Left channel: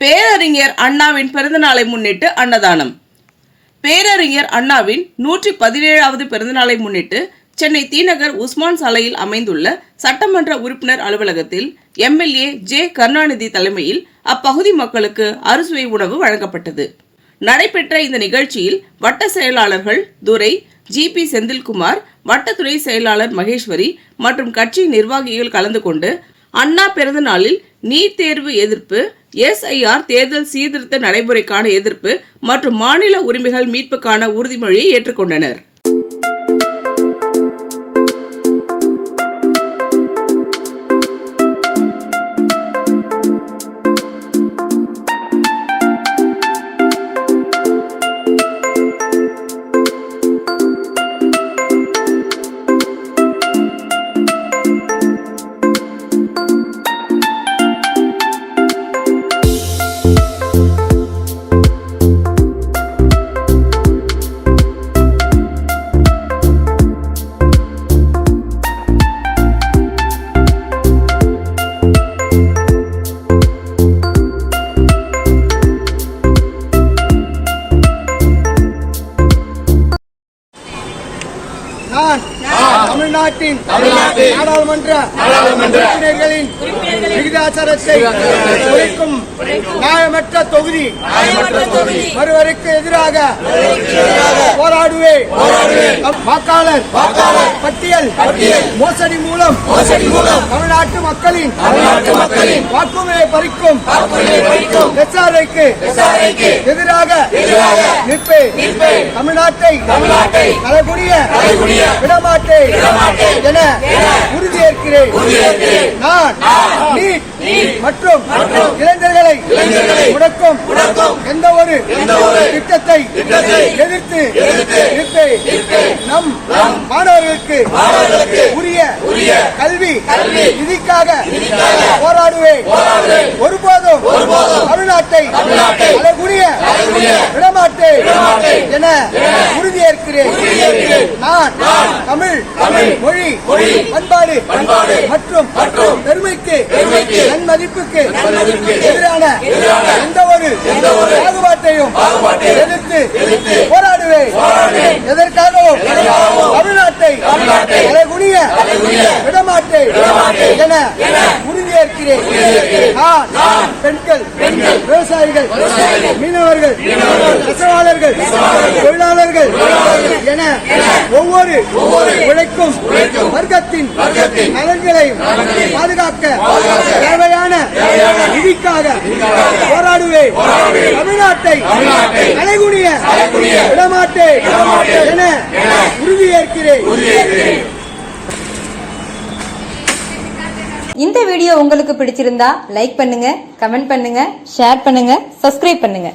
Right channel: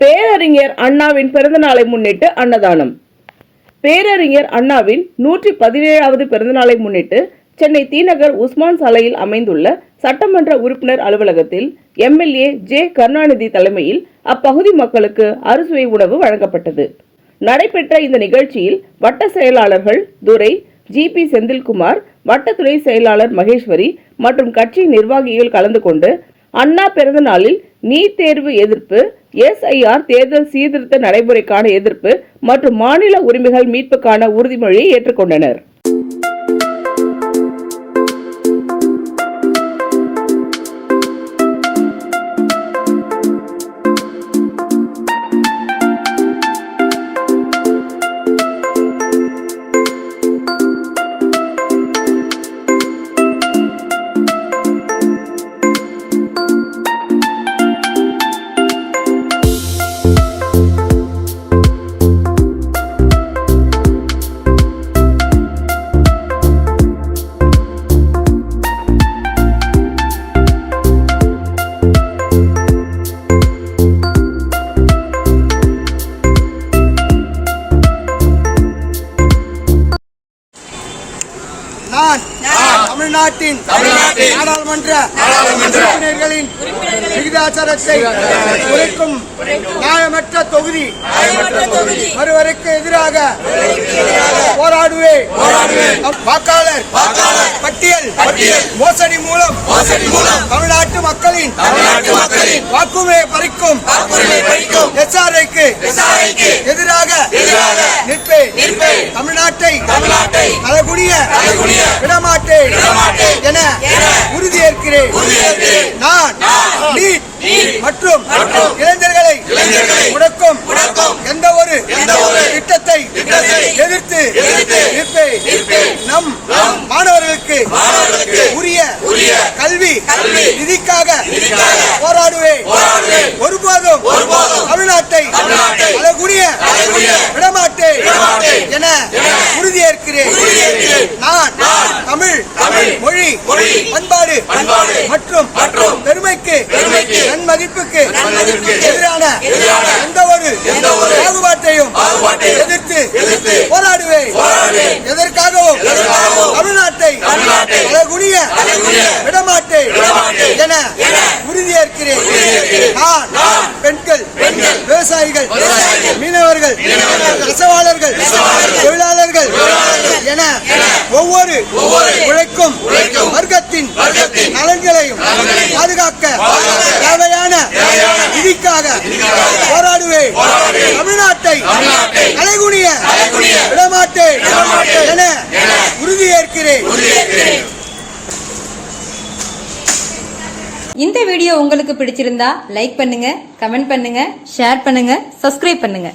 பேரறிஞர் அண்ணாவின் பிறந்தநாளை முன்னிட்டு அன்னதானம். பேரறிஞர் அண்ணாவின் நூற்றி பதினேழாவது பிறந்தநாளை முன்னிட்டு சென்னை தீநகர் உஸ்மான் சாலையில் அமைந்துள்ள சட்டமன்ற உறுப்பினர் அலுவலகத்தில் எம்எல்ஏ ஜே கருணாநிதி தலைமையில் அப்பகுதி மக்களுக்கு அறுசுவை உணவு வழங்கப்பட்டது. நடைபெற்ற இந்த நிகழ்ச்சியில் வட்ட செயலாளர்கள் துரை ஜிபி செந்தில்குமார் வட்டத்துறை செயலாளர் மகேஸ்வரி மற்றும் கட்சி நிர்வாகிகள் கலந்து கொண்டு அண்ணா பிறந்தநாளில் நீட் தேர்வு எதிர்ப்பு எஸ்ஐஆர் தேர்தல் சீர்திருத்த நடைமுறைக்கான எதிர்ப்பு மற்றும் மாநில உரிமைகள் மீட்புக்கான உறுதிமொழியை ஏற்றுக்கொண்டனர். தமிழ்நாட்டின் நாடாளுமன்ற உறுப்பினர்களின் விகிதாச்சாரத்தை குறைக்கும் நியாயமற்ற தொகுதி ஒருவருக்கு எதிராக போராடுவேன். வாக்காளர் பட்டியல் மோசடி மூலம் தமிழ்நாட்டு மக்களின் வாக்குமையை பறிக்கும் எஸ்ஆர்ஐக்கு எதிராக நிற்பேன். தமிழ்நாட்டை தமிழ்நாட்டை அழகுடைய அழகுடைய விடமாட்டேன் என உறுதியேற்கிறேன். நான் மற்றும் மற்றும் இளைஞர்களை முடக்கும் எந்த ஒரு திட்டத்தை எதிர்த்து. நம் மாணவர்களுக்கு உரிய உரிய கல்வி நிதிக்காக போராடுவேன். ஒருபோதும் தமிழ்நாட்டை அழகுடைய விடமாட்டேன் என உறுதியேற்கிறேன். நான் தமிழ் தமிழ் மொழி பண்பாடு மற்றும் பெருமைக்கு எதிரான எதிரான எந்த ஒரு பாகுபாட்டையும் எதிர்த்து போராடுவேன். எதற்காகவும் தமிழ்நாட்டை விடமாட்டேன் விடமாட்டேன் என உறுதியேற்கிறேன். நான் பெண்கள் பெண்கள் விவசாயிகள் மீனவர்கள் நெசவாளர்கள் தொழிலாளர்கள் என ஒவ்வொரு ஒவ்வொரு உழைக்கும் வர்க்கத்தின் வர்க்கத்தின் நலன்களையும் பாதுகாக்க பாதுகாக்க தேவையான தேவையான நிதிக்காக போராடுவேன். தமிழ்நாட்டை அலைகுனிய விடமாட்டேன் என உறுதியேற்கிறேன். இந்த வீடியோ உங்களுக்கு பிடிச்சிருந்தா லைக் பண்ணுங்க கமெண்ட் பண்ணுங்க ஷேர் பண்ணுங்க சப்ஸ்கிரைப் பண்ணுங்க.